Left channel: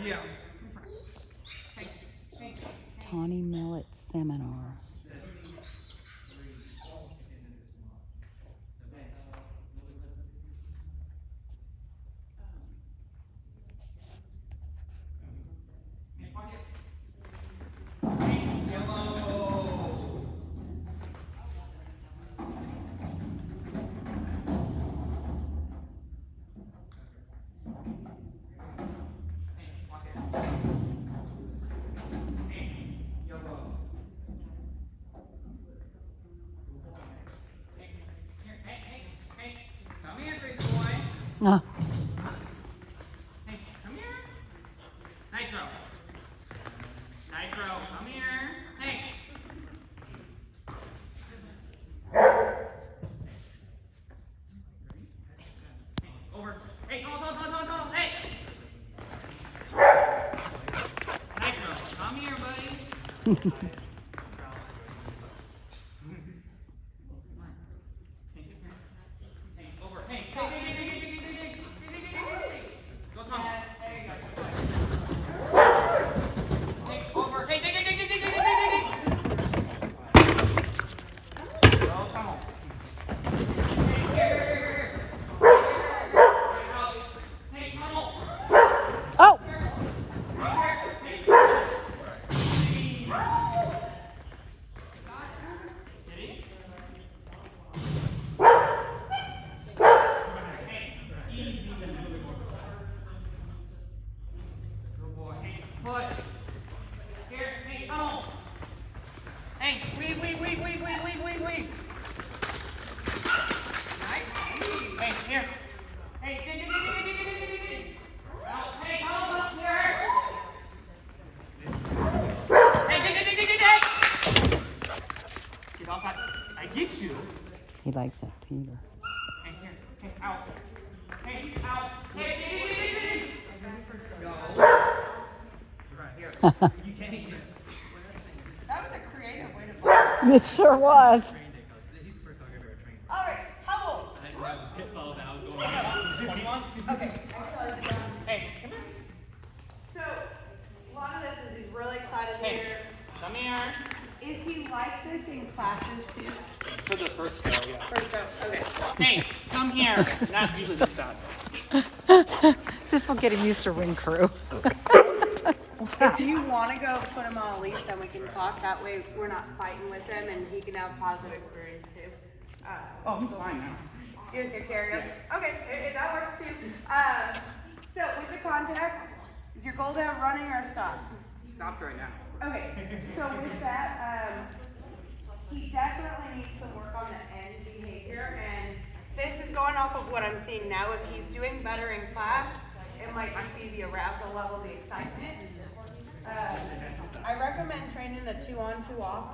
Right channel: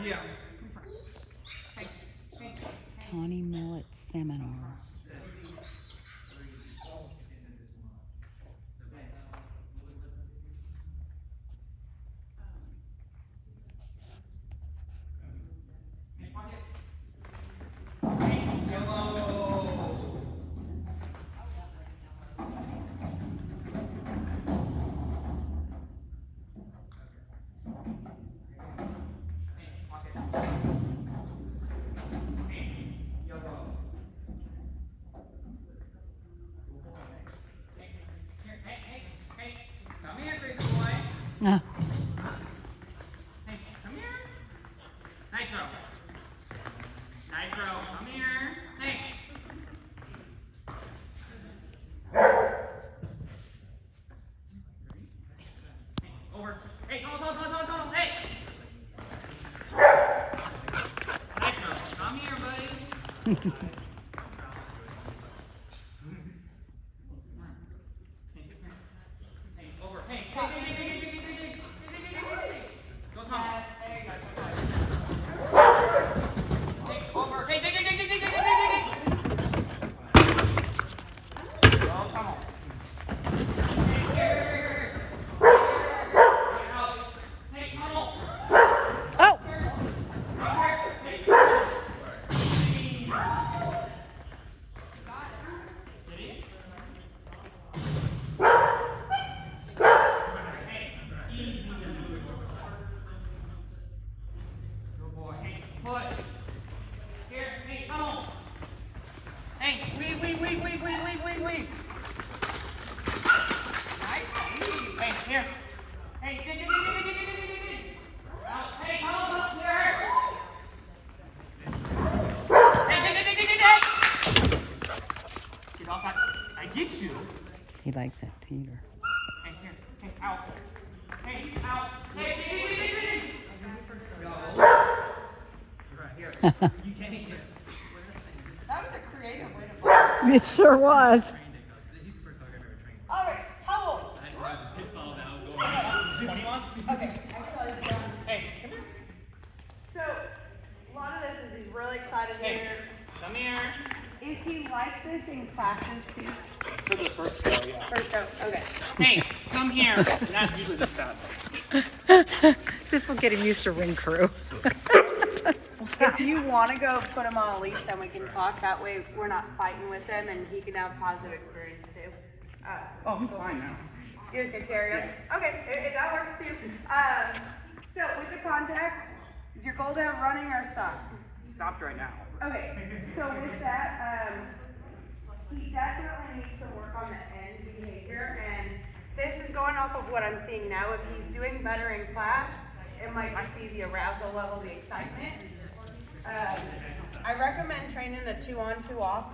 Yeah. Tawny Millet Seminar. Come here, crazy boy. Oh. Hey, come here. Nitro. Nitro, come here. Hey. Over. Hey, tunnel. Hey. Nitro, come here, buddy. Hey, over. Hey. Go, Tawn. Hey, over. Hey, dig. Go, Tawn. Here. Hey, Tawn. Oh! Foot. Here, hey, tunnel. Hey, weave. Nice. Hey, here. Hey, dig. Out. Hey, tunnel up here. Hey, dig. Get off that. I get you. He likes that teeter. Hey, here. Hey, out. Hey, out. Hey, dig. Go. Right here. You can't eat it. That was a creative way to play. It sure was. He's the first dog I've ever trained. All right, how old? I didn't have a pitfall that I was going on. 20 months? Okay, actually, Hey, come here. so a lot of this is he's really excited Hey, here. come here. Is he like this in classes too? For the first go, yeah. First go, okay. Hey, come here. Not usually this bad. This will get him used to ring crew. If you want to go put him on a leash, then we can talk. That way we're not fighting with him and he can have a positive experience too. Oh, he's fine now. You just gonna carry him? Okay, that works too. So with the contacts, is your goal to have running or stop? Stopped right now. Okay, so with that, he definitely needs some work on the end behavior, and this is going off of what I'm seeing now. If he's doing better in class, it might just be the arousal level, the excitement. I recommend training the 2 on, 2 off,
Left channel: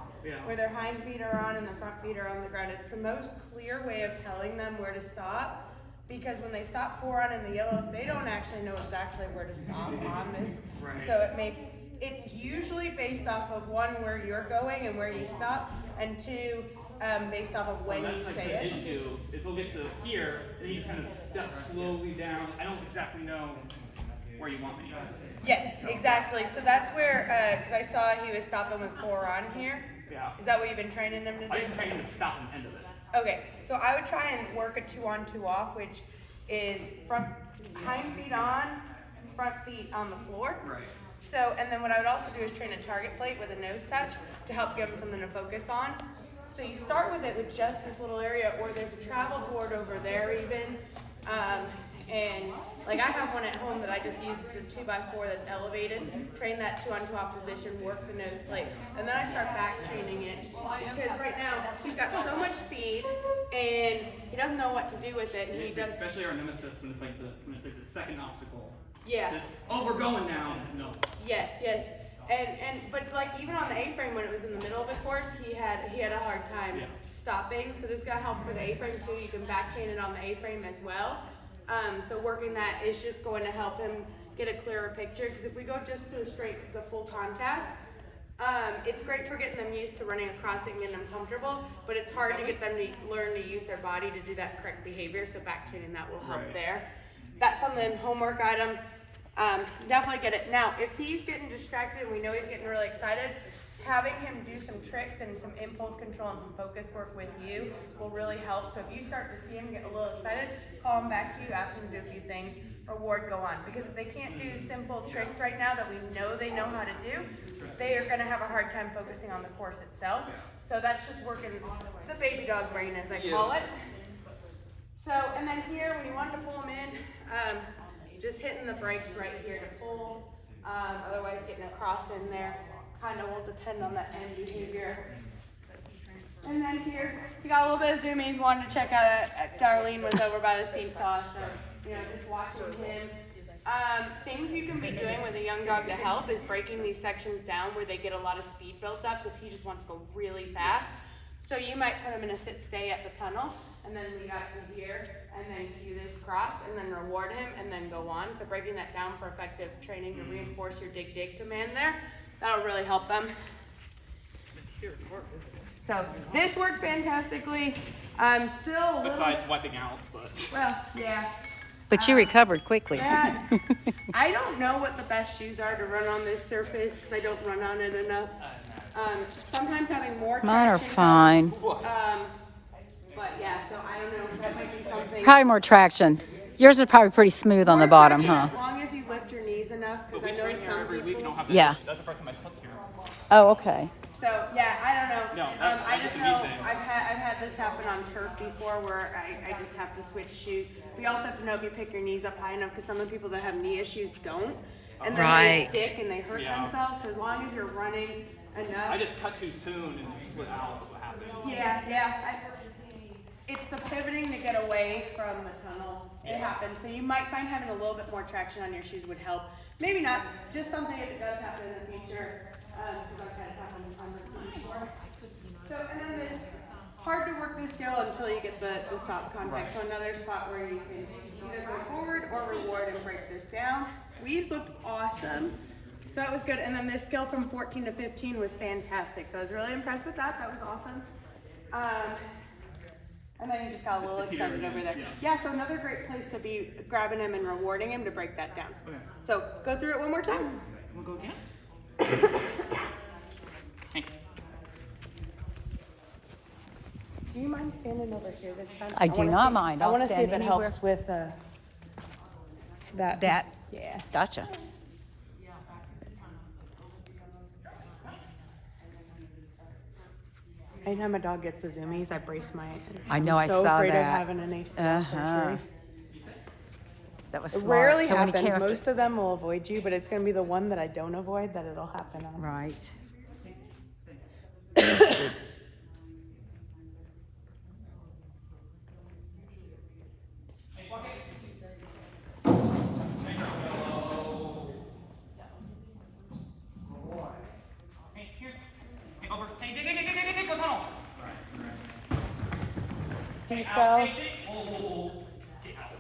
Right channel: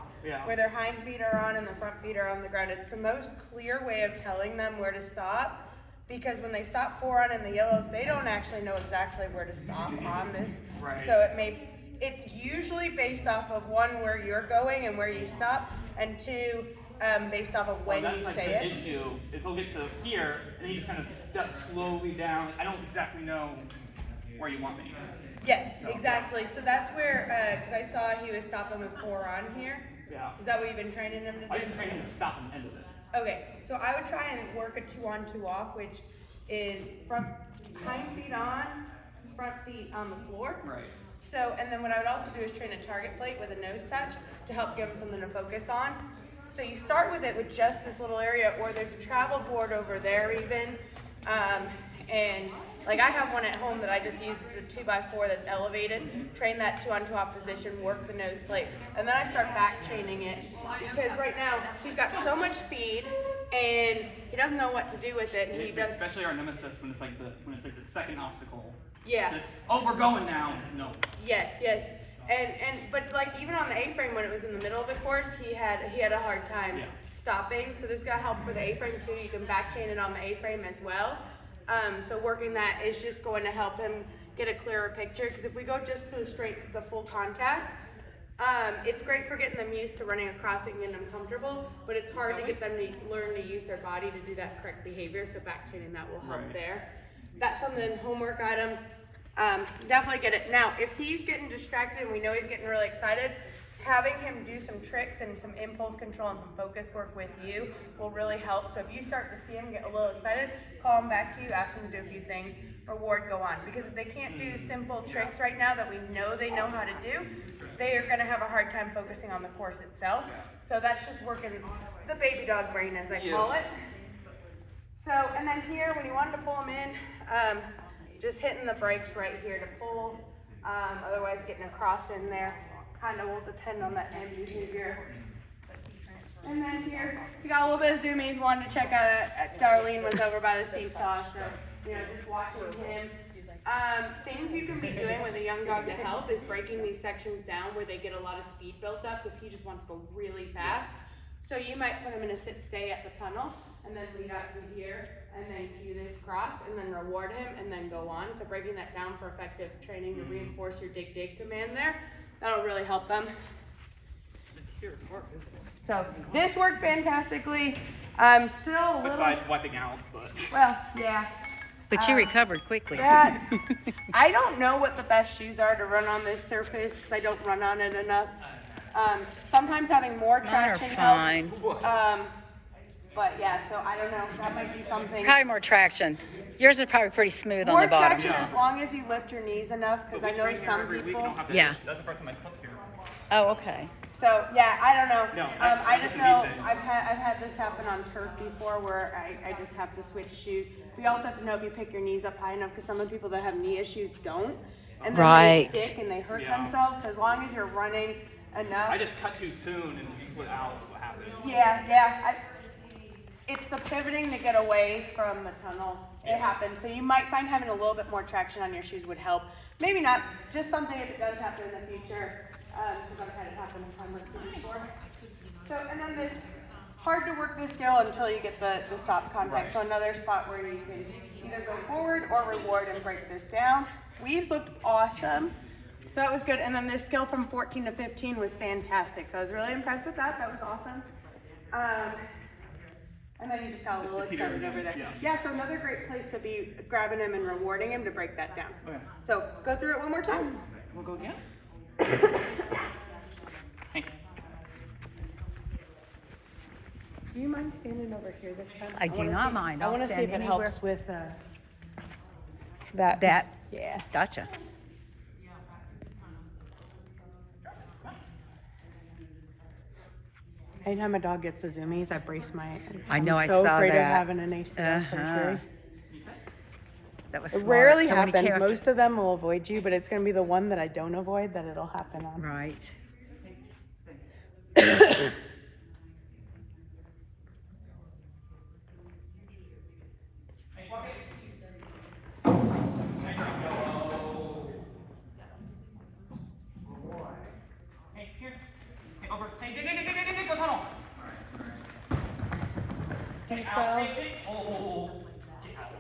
where their hind feet are on and the front feet are on the ground. It's the most clear way of telling them where to stop, because when they stop 4 on in the yellow, they don't actually know exactly where to stop on this. Right. So it's usually based off of 1, where you're going and where you stop, and 2, based off of when you say that's it. like the issue. Is he'll get to here, and he just kind of step slowly down. I don't exactly know where you want me. Yes, exactly. So that's where, because I saw he was stopping with 4 on here. Yeah. Is that what you've been training him to do? I used to train him to stop on the end of it. Okay, so I would try and work a 2 on, 2 off, which is hind feet on, front feet on the floor. Right. So, and then what I would also do is train a target plate with a nose touch to help give him something to focus on. So you start with it with just this little area, or there's a travel board over there even. And like I have one at home that I just use. It's a 2x4 that's elevated. Train that 2 on 2 off position, work the nose plate. And then I start back chaining it, because right now he's got so much speed and he doesn't know what to do with it. And he does. Especially our nemesis when it's like this, when it's like the second obstacle. Yeah. Just, oh, we're going now. No. Yes. But like even on the A-frame when it was in the middle of the course, he had a hard time stopping. So this got help for the A-frame too. You can back chain it on the A-frame as well. So working that is just going to help him get a clearer picture. Because if we go just to the full contact, it's great for getting them used to running across it and getting them comfortable. But it's hard to get them to learn to use their body to do that correct behavior. So back chaining that will help there. That's something, homework item. Definitely get it. Now, if he's getting distracted and we know he's getting really excited, having him do some tricks and some impulse control and some focus work with you will really help. So if you start to see him get a little excited, call him back to you, ask him to do a few things, reward, go on. Because if they can't do simple tricks right now that we know they know how to do, they are gonna have a hard time focusing on the course itself. So that's just working the baby dog brain, as I call it. So, and then here, when you wanted to pull him in, just hitting the brakes right here to pull, otherwise getting a cross in there kind of will depend on that end behavior. And then here, you got a little bit of zoomies, wanted to check out Darlene was over by the seesaw, so, you know, just watching him. Things you can be doing with a young dog to help is breaking these sections down where they get a lot of speed built up because he just wants to go really fast. So you might put him in a sit-stay at the tunnel and then lead out through here and then cue this cross and then reward him and then go on. So breaking that down for effective training to reinforce your dig-dig command there, that'll really help them. So this worked fantastically. Still a little... Besides wiping out, but... Well, yeah. But you recovered quickly. That, I don't know what the best shoes are to run on this surface because I don't run on it enough. Sometimes having more Mine are traction fine. helps. But yeah, so I don't know. That might be something. Probably more traction. Yours is probably pretty smooth on More the bottom, traction huh? As long as you lift your knees enough, because I know some people. Yeah. That's the first time I slept here. Oh, okay. So yeah, I don't know. No, I just just know knee thing. I've had this happen on turf before, where I just have to switch shoes. We also have to know if you pick your knees up high enough, because some of the people that have knee issues don't, and then Right. they stick and they hurt Yeah. themselves. So as long as you're running enough. I just cut too soon and slid out is what happened. Yeah. It's the pivoting to get away from the tunnel. It happens. So you might find having a little bit more traction on your shoes would help. Maybe not. Just something if it does happen in the future, because I've had it happen in time or two before. So, and then this, hard to work this skill until you get the stop contact. So another spot where you can either go forward or reward and break this down. Weaves looked awesome. So that was good. And then this skill from 14 to 15 was fantastic. So I was really impressed with that. That was awesome. And then you just got a little excited over there. Yeah, so another great place to be grabbing him and rewarding him to break that down. Okay. So go through it one more time. We'll go again? Hey. Do you mind standing over here this time? I do not mind. I I'll wanna see stand if it anywhere. helps with that. That? Yeah. Gotcha. Anytime a dog gets the zoomies, I brace my. I know, I so saw afraid that. Of having an ACL Uh-huh. surgery. That was It smart. rarely So when you happens. came up to- Most of them will avoid you, but it's going to be the one that I don't avoid that it'll happen on. Right. Hey, here. Hey, over. Hey, dig, go tunnel. Hey, out. Hey, dig. Oh, get out.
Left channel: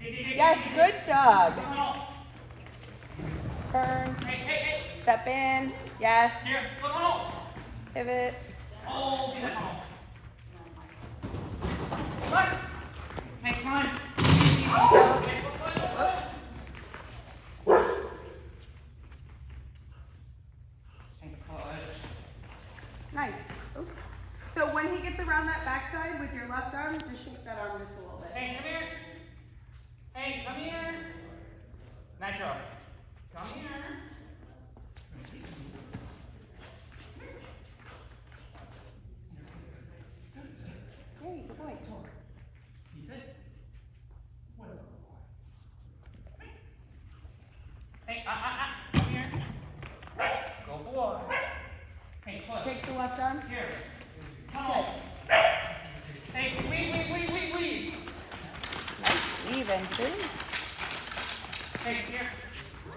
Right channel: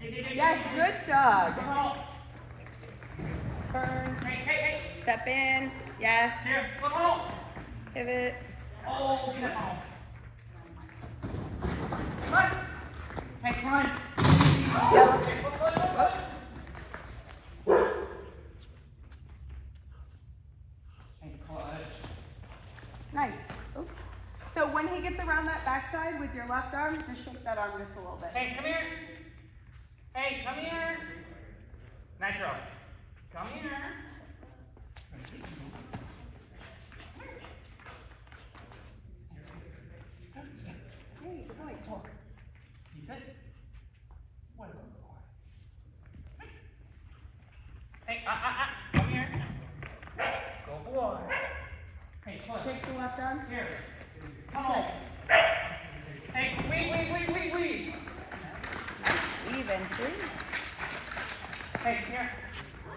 Dig. Yes, good dog. Go tunnel. Turn. Hey. Step in. Yes. Here, go tunnel. Pivot. Oh, get tunnel. Run. Hey, come on. Hey, go. Hey, push. Nice. Oops. So when he gets around that backside with your left arm, just shake that arm just a little bit. Hey, come here. Hey, come here. Nitro. Come here. Hey, good boy. He said, what? Hey, come here. Go boy. Hey, push. Shake the left arm. Here. Come on. Hey, weave. Even. Three. Hey, here.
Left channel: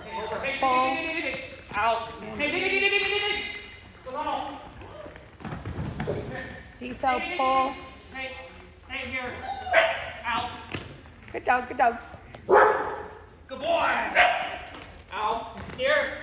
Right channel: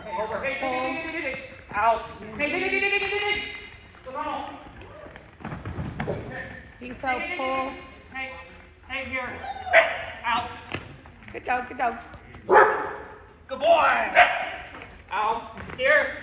Hey, over. Hey, dig. Out. Hey, dig. Go on. Peace out, pull. Hey, here. Out. Good dog. Good boy. Out. Here.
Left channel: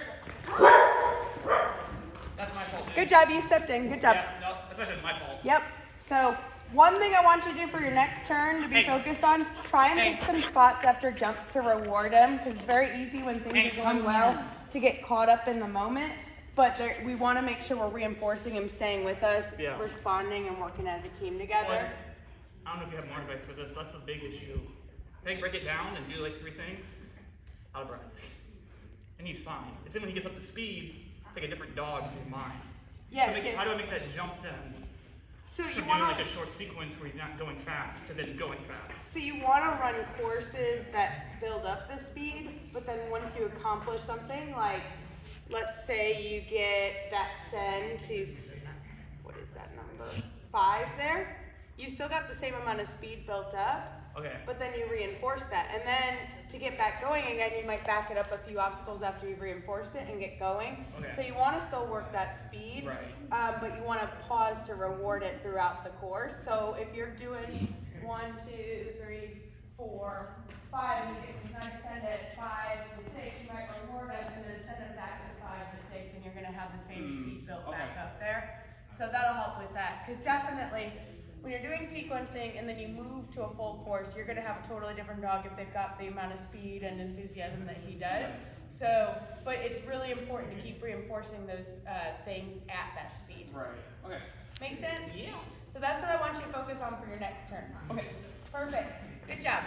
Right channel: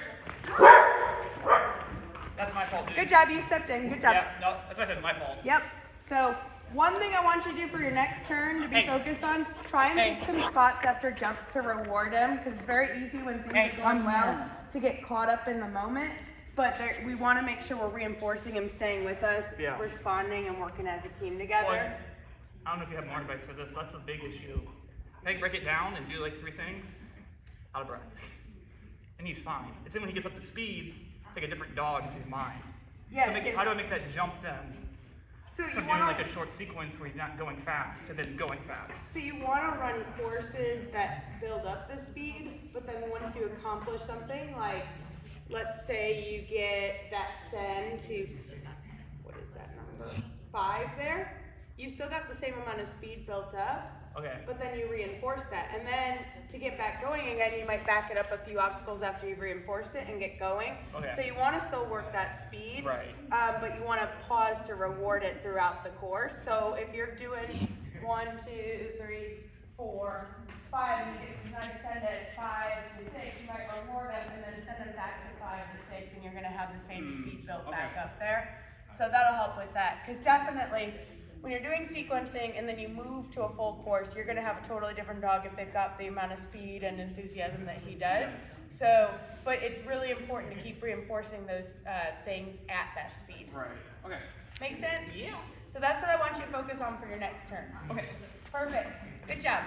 That's my fault, dude. Good job, you stepped in. Good job. Yeah, no, that's my fault. Yep. So One thing I want you to do for your next turn to be focused on, try and pick some spots after jumps to reward him, because it's very easy when things are going well to get caught up in the moment. But we want to make sure we're reinforcing him staying with us, responding, and working as a team together. Well, I don't know if you have more advice for this, but that's a big issue. Break it down and do like 3 things. Out of breath. And he's fine. It's then when he gets up to speed, it's like a different dog in his mind. Yes. So how do I make that jump then? So From doing like a short sequence where he's not going fast to then going fast. So you want to run courses that build up the speed, but then once you accomplish something, like let's say you get that send to, what is that number? 5 there. You still got the same amount of speed built up. Okay. But then you reinforce that. And then to get back going again, you might back it up a few obstacles after you've reinforced it and get going. Okay. So you want to still work that speed. Right. But you want to pause to reward it throughout the course. So if you're doing 1, 2, 3, 4, 5, and you get to send it 5 to 6, you might reward it and then send it back to 5 to 6, and you're going to have the same speed built back up there. So that'll help with that. Because definitely, when you're doing sequencing and then you move to a full course, you're going to have a totally different dog if they've got the amount of speed and enthusiasm that he does. So, but it's really important to keep reinforcing those things at that speed. Right. Okay. Make sense? Yeah. So that's what I want you to focus on for your next turn. Okay. Perfect. Good job.